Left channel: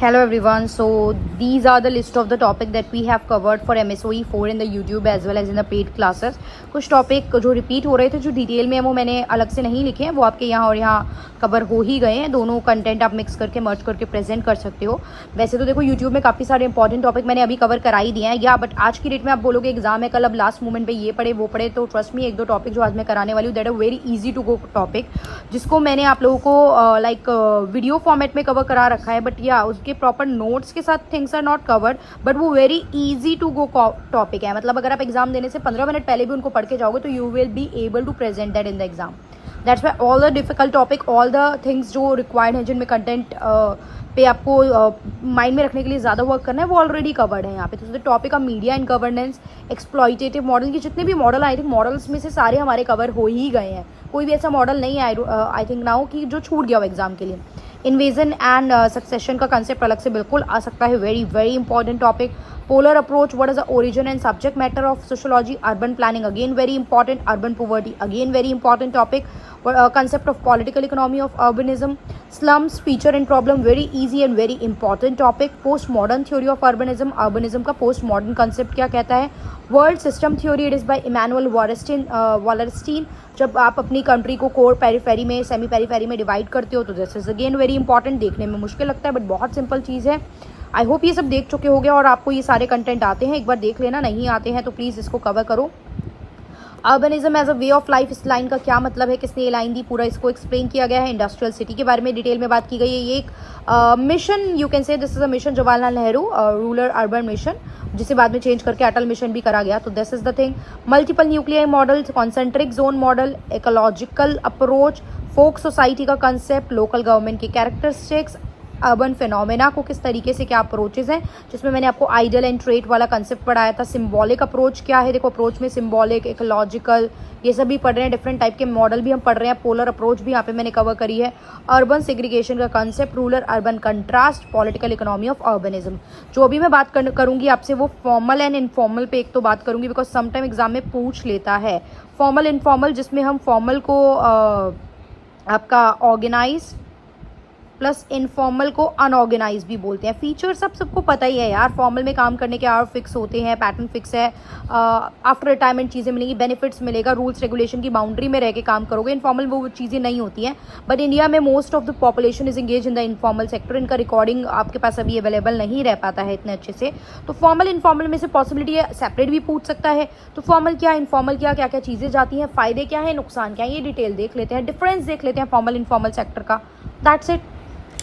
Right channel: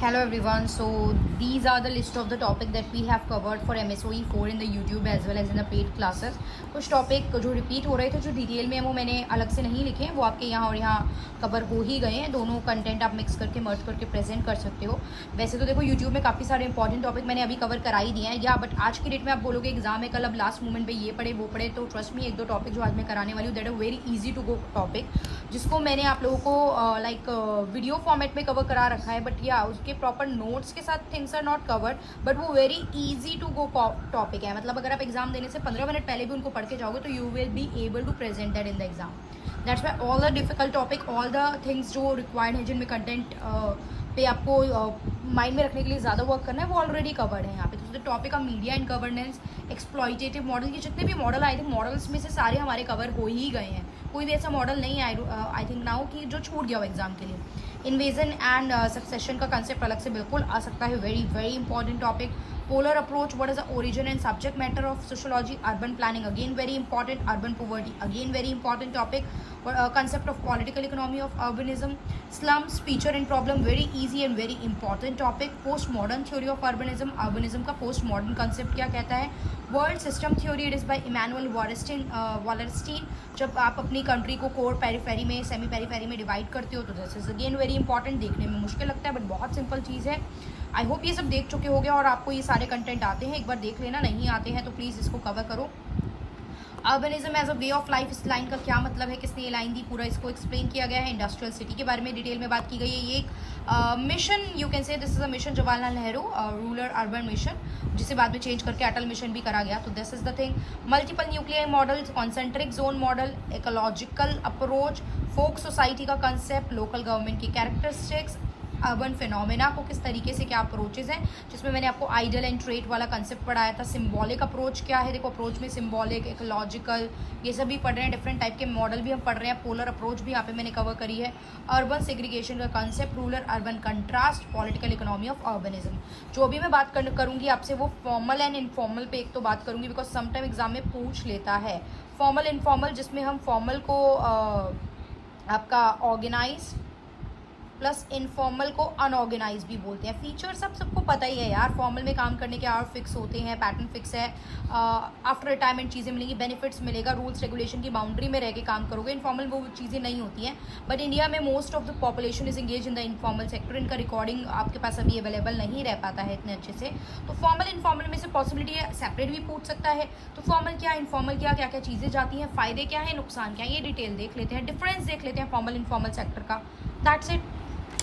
Hello everyone. So these are the list of the topic that we have covered for MSOE 4 in the YouTube as well as in the paid classes. कुछ topic जो repeat हो रहे थे, जो detail में है, वो मैंने अलग से नहीं लिखे हैं, वो आपके यहाँ और यहाँ कवर हो ही गए हैं. दोनों कंटेंट आप मिक्स करके मर्ज करके प्रेजेंट कर सकते हो. वैसे तो देखो यूट्यूब में काफ़ी सारे इंपॉर्टेंट टॉपिक मैंने अभी कवर करा ही दिए हैं या, बट आज की डेट में आप बोलोगे एग्जाम है कल, अब लास्ट मोमेंट पे ये पढ़े वो पढ़े, तो ट्रस्ट मी एक दो टॉपिक जो आज मैं कराने वाली हूँ that are very easy to go topic, जिसको मैंने आप लोगों को वीडियो फॉर्मेट में कवर करा रखा है. बट या उसके प्रॉपर नोट्स के साथ things are not covered, but वो very easy to go topic है. मतलब अगर आप एग्जाम देने से 15 मिनट पहले भी उनको पढ़ के जाओगे तो you will be able to present that in the exam. That's why all the difficult topic, all the things जो रिक्वायर्ड हैं, जिनमें कंटेंट पे आपको माइंड में रखने के लिए ज़्यादा वर्क करना है, वो ऑलरेडी कवर्ड है यहाँ पे. तो topic of media and governance, exploitative model, के जितने भी मॉडल आई थिंक मॉडल्स में से सारे हमारे कवर हो ही गए हैं. कोई भी ऐसा मॉडल नहीं है आई थिंक नाउ कि जो छूट गया हो एग्जाम के लिए. इन्वेजन एंड सक्सेशन का कंसेप्ट अलग से बिल्कुल आ सकता है, very very important topic. Polar approach, what is the origin and subject matter of sociology. Urban planning, again very important. Urban poverty, again very important topic. concept of political economy of urbanism. Slums, feature and problem, very easy and very important topic. Postmodern theory of urbanism, urbanism का postmodern concept क्या कहता है. World system theory, it is by Immanuel Wallerstein. जब आप अपनी country को core periphery में, semi periphery में डिवाइड करते हो तो this is again very important. देखने में मुश्किल लगता है बट बहुत सिंपल चीज़ है. आई होप ये सब देख चुके होंगे और आपको ये सारे कंटेंट आते हैं. एक बार देख लेना, नहीं आते हैं तो प्लीज़ इसको कवर करो. Urbanism as a way of life, इस लाइन का क्या मतलब है, किसने ये लाइन दी, पूरा इसको एक्सप्लेन किया गया है. इंडस्ट्रियल सिटी के बारे में डिटेल में बात की गई है. ये एक mission, you can say this is a mission Jawaharlal Nehru rural urban mission, जिसे बाद में चेंज करके अटल मिशन भी करा गया. तो this is the thing. Multiple nuclear model, concentric zone model, ecological approach, folk society का कंसेप्ट, लोकल गवर्नमेंट की कैरेक्टरिस्टिक्स, अर्बन फिनोमेना को किस तरीके से क्या अप्रोचेज हैं, जिसमें मैंने आपको आइडियल एंड ट्रेट वाला कंसेप्ट पढ़ाया था. सिंबॉलिक अप्रोच क्या है, देखो अप्रोच में सिंबॉलिक, इकोलॉजिकल, ये सब भी पढ़ रहे हैं. डिफरेंट टाइप के मॉडल भी हम पढ़ रहे हैं. पोलर अप्रोच भी यहाँ पे मैंने कवर करी है. अर्बन सेग्रीगेशन का concept, rural urban contrast, political economy of urbanism. जो अभी मैं बात करूँगी आपसे वो फॉर्मल एंड इनफॉर्मल पे एक तो बात करूँगी, बिकॉज समटाइम एग्जाम में पूछ लेता है फॉर्मल इनफॉर्मल, जिसमें हम फॉर्मल को आपका ऑर्गेनाइज प्लस इनफॉर्मल को अनऑर्गेनाइज भी बोलते हैं. फीचर सबको पता ही है यार. फॉर्मल में काम करने के आवर फिक्स होते हैं, पैटर्न फिक्स है, आफ्टर रिटायरमेंट चीज़ें मिलेंगी, बेनिफिट्स मिलेगा, रूल्स रेगुलेशन की बाउंड्री में रह के काम करोगे. इनफॉर्मल वो चीज़ें नहीं होती हैं. बट इंडिया में most of the population is engage in the informal sector. इनका रिकॉर्डिंग आपके पास अभी अवेलेबल नहीं रह पाता है इतने अच्छे से. तो फॉर्मल इनफॉर्मल में से पॉसिबिलिटी है सेपरेट भी पूछ सकता है. तो फॉर्मल क्या, इनफॉर्मल क्या, क्या क्या चीज़ें जाती हैं, फ़ायदे क्या है, नुकसान क्या है, ये डिटेल देख लेते हैं, डिफरेंस देख लेते हैं फॉर्मल इनफॉर्मल सेक्टर का. That's it.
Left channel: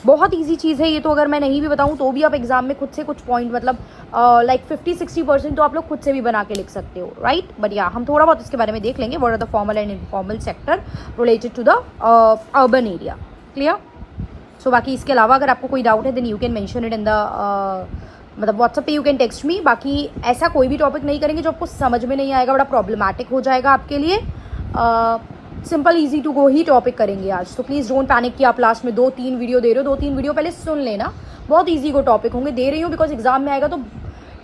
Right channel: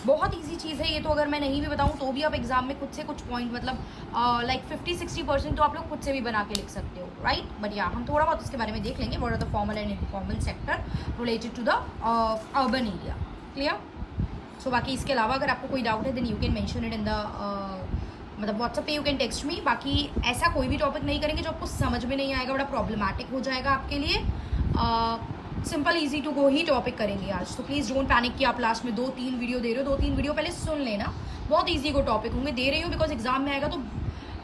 बहुत इजी चीज़ है ये तो. अगर मैं नहीं भी बताऊं तो भी आप एग्जाम में खुद से कुछ पॉइंट, मतलब लाइक 50-60% तो आप लोग खुद से भी बना के लिख सकते हो, राइट. बट या हम थोड़ा बहुत इसके बारे में देख लेंगे. What are the formal and informal sector related to the urban area. Clear. So बाकी इसके अलावा अगर आपको कोई डाउट है then you can mention it in the मतलब व्हाट्सएप पे, यू कैन टेक्स्ट मी. बाकी ऐसा कोई भी टॉपिक नहीं करेंगे जो आपको समझ में नहीं आएगा, बड़ा प्रॉब्लमैटिक हो जाएगा आपके लिए. सिंपल इजी टू गो ही टॉपिक करेंगे आज. तो प्लीज़ डोंट पैनिक कि आप लास्ट में 2-3 वीडियो दे रहे हो. 2-3 वीडियो पहले सुन लेना. बहुत इजी को टॉपिक होंगे, दे रही हूँ बिकॉज एग्जाम में आएगा तो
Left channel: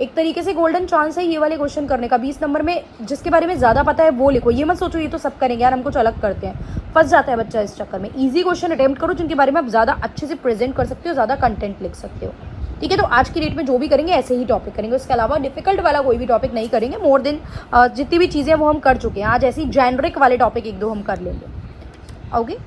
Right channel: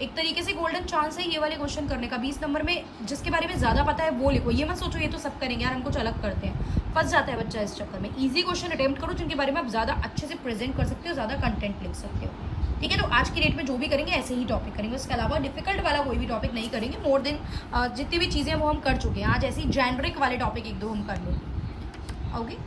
एक तरीके से गोल्डन चांस है ये वाले क्वेश्चन करने का. 20 नंबर में जिसके बारे में ज़्यादा पता है वो लिखो. ये मत सोचो ये तो सब करेंगे यार, हम कुछ अलग करते हैं. फंस जाता है बच्चा इस चक्कर में. ईजी क्वेश्चन अटेम्प्ट करो जिनके बारे में आप ज़्यादा अच्छे से प्रेजेंट कर सकते हो, ज़्यादा कंटेंट लिख सकते हो. ठीक है. तो आज की डेट में जो भी करेंगे ऐसे ही टॉपिक करेंगे. इसके अलावा डिफिकल्ट वाला कोई भी टॉपिक नहीं करेंगे. मोर देन जितनी भी चीज़ें वो हम कर चुके हैं. आज ऐसे ही जेनरिक वाले टॉपिक 1-2 हम कर लेंगे. ओके.